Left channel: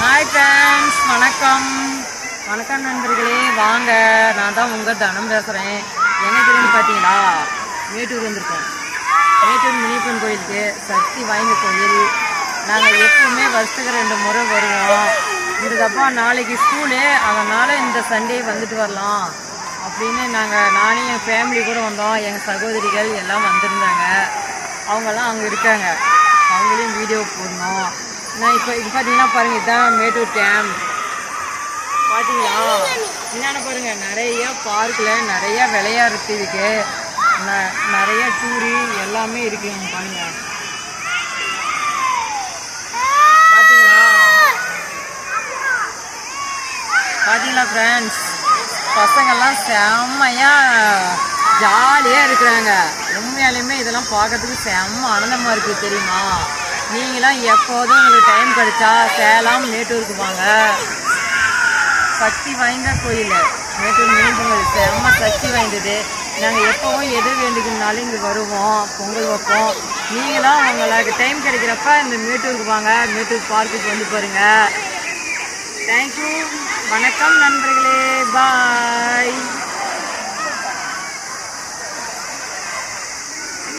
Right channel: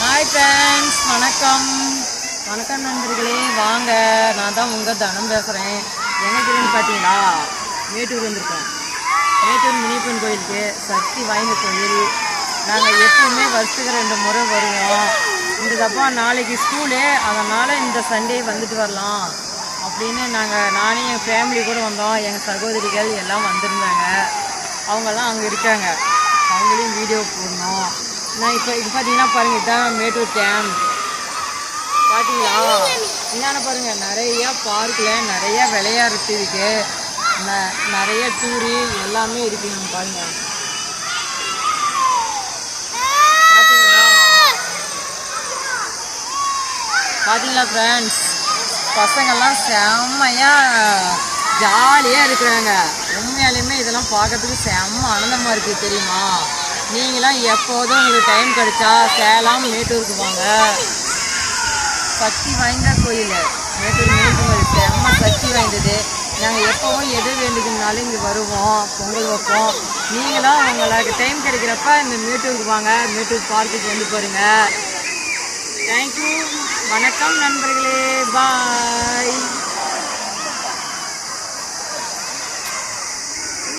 Hi friends, வணக்கம் வணக்கம் நண்பர்களே. வாங்க, நான் தான் உங்கள் தனம் பேசுகிறேன். எங்கேருந்து பார்த்தீங்களா, மேட்டூர் வந்திருக்கோம். மேட்டூர் முனியப்பன் கோயிலுக்கு, சக்தி வாய்ந்த கோயில். நாங்கள் எப்பவுமே வருஷத்துக்கு 2 முறை வருவோம். இந்த தப்பா நாளைக்கு ஸ்கூலு, அதனால் இந்த சண்டே வந்துட்டு வரலாம் அப்படின்னு நானே என் ஃபேமிலி கூட வந்தோம். எங்கள் சகோதரிகள் எல்லாம் வந்திருந்தாங்க. அவங்கெல்லாம் அங்கே இருக்காங்க. அவங்களையும் வீடியோ போடணும். நான் இப்போ இது பார்த்தீங்கன்னா பாருங்கள், இதுதான் மேட்டூர் டேம். பார்த்தீங்களா, என்னென்ன பாருங்கள், நிறைய பார்க்கில் நிறையா விளையாடுறது இருக்குது. நிறைய டூரி எல்லாமே இருக்குங்க. பாருங்கள், பார்த்தீங்களா ஃப்ரெண்ட்ஸ், பசங்கள்லாம் செம்மையாக ஜாலியாக இருக்கிறாங்க. உண்மையாலையுமே இதெல்லாம் பார்க்கறதுக்கு செம்ம ஆனந்தமாக இருக்குது தெரியுமா. நீங்களாம் எப்போதும் உங்களுக்கு டைம் கிடைச்சா சேலம் மேட்டூருக்கு வாங்க. சக்தி வாய்ந்த கோயில் மேட்டூர் முனியப்பன் கோயில் செம்ம சக்தி வாய்ந்தது. நாங்கள் எப்போவும் எது வேண்டுக்குனாலும் இங்கே வருவோம், பொங்கல் வைப்போம். நீங்களாம் உங்களுக்கு டைம் கிடைக்கிறப்ப இந்த மேட்டூருக்கு வாங்க, மேட்டூர் பார்க்குக்கு வந்து பாருங்கள். தேங்க்யூ, வணக்கம் நண்பர்களே, பாய்.